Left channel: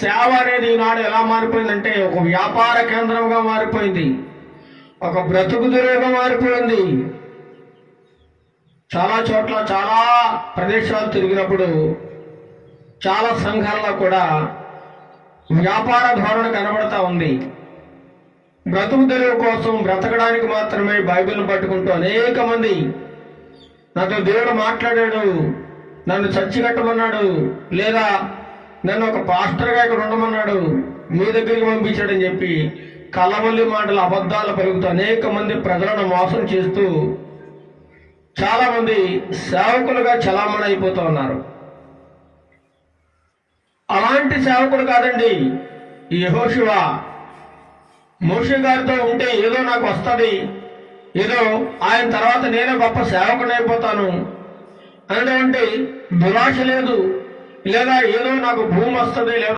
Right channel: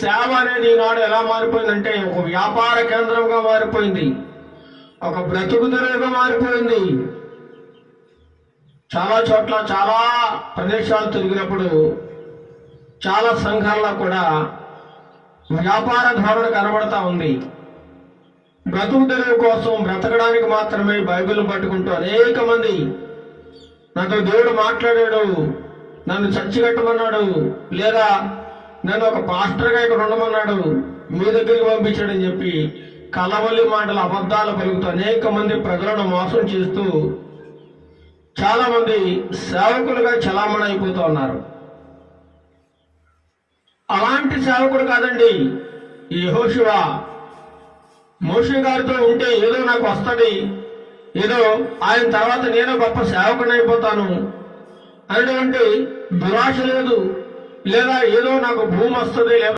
సేవ అనేది ఈనాడు ఎలా మారిపోయిందంటే ఒక వ్యాపార కేంద్రంగా మారిపోయింది, ఒక బ్రతుకు తెరువుగా మారిపోయింది. చాలా చోట్ల చాలా ప్రదేశాలు తిరిగినప్పుడు చాలా సంఘాల్లో కూడా వ్యాపార ధోరణి కనబడతా ఉంది. బ్రతుకు తెరువు కోసం బ్రతకడానికి మాత్రమే బైబిల్ పట్టుకుంటూ అనేక మంది నాతో దేవుడు మాట్లాడాడు, నన్ను చర్చి కట్టమన్నాడు, లేదా నన్ను ఒక పాస్టర్గా ఇక్కడ ఉండమన్నాడు, మీ దగ్గరికి పంపించాడని చెప్పి కలవల్లి మాటలు అబద్ధాలు పలుకుతూ అనేక మంది ప్రజలను మోసం చేస్తూ చాలా మంది సేవకులుగా చలామణి అయిపోతూ ఉన్నారు. అలాంటి సేవకుడు కాదండి ఈ యెహోషువ. మోషే గారితో ఉంటే ఏదో నాకు వస్తుంది, ఏదో ఆయన తర్వాత నేనే గొప్ప సేవకుని అయిపోతాను అనేటువంటి దురాశ లేదు, లేదా ఏదో నాకు భూమి వస్తుంది, లేదా